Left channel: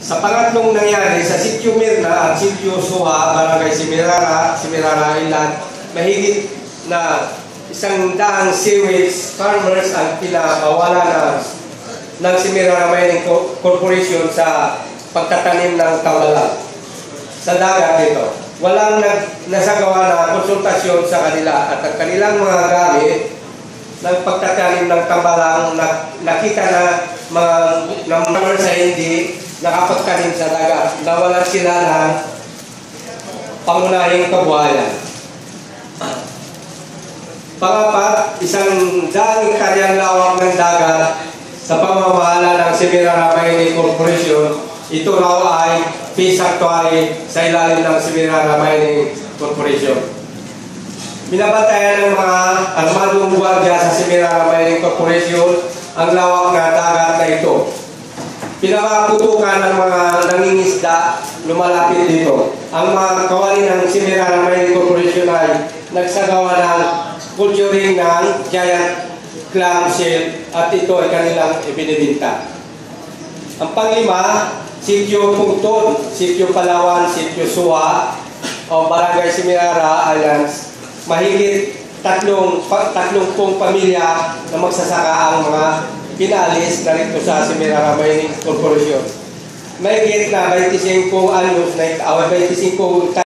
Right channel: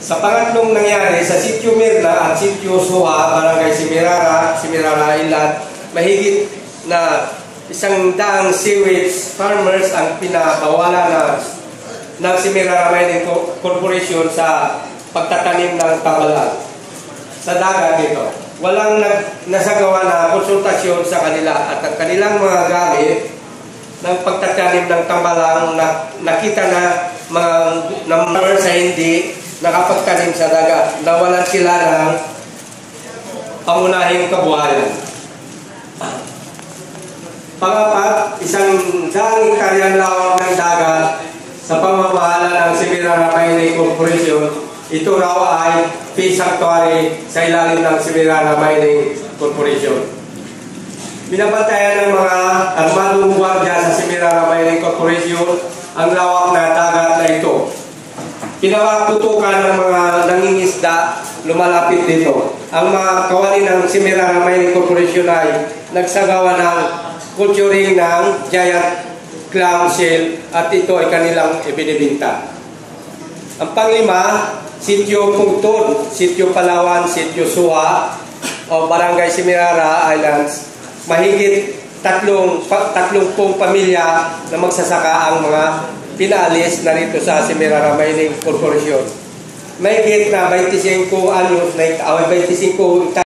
Sa pangatlong nangyari sa Sitio Mirna at Sitio Soa, Barangay Simirara, Ilat, mahigit na 100 sewage farmers ang pinakawala ng Simirara Mining Corporation sa pagtatanim ng tambalang sa dagat nito. Walang nasagawa na konsultasyon sa kanila at ang kanilang mga gamit ng pagtatanim ng tambalang nakita na mga sa hindi nakapagtanim sa dagat. Nawalan sila ng pangunahing kabuhayan. Pangapat, isang daang hektaryang lawak ng dagat sa pamamahala ng Simirara Mining Corporation. Ito raw ay fish sanctuary sa ilalim ng Simirara Mining Corporation. Binabantayan ng mga armadong gwardiya sa Simirara Mining Corporation ang lawak na dagat na ito. Pinaputukan ng mga nangingisda lumalapit dito. Ang mga kawani ng Simirara Mining Corporation ay nagsagawa ng culturing ng giant clamshell at ito ay kanilang ibinibinta. Ang panglima, Sitio Pungton, Sitio Palawan, Sitio Soa o Barangay Simirara Islands. Mahigit 30 pamilya na magsasaka ang mga pinalis na rito sa Simirara Mining Corporation. Mahigit na 25 anyos na 25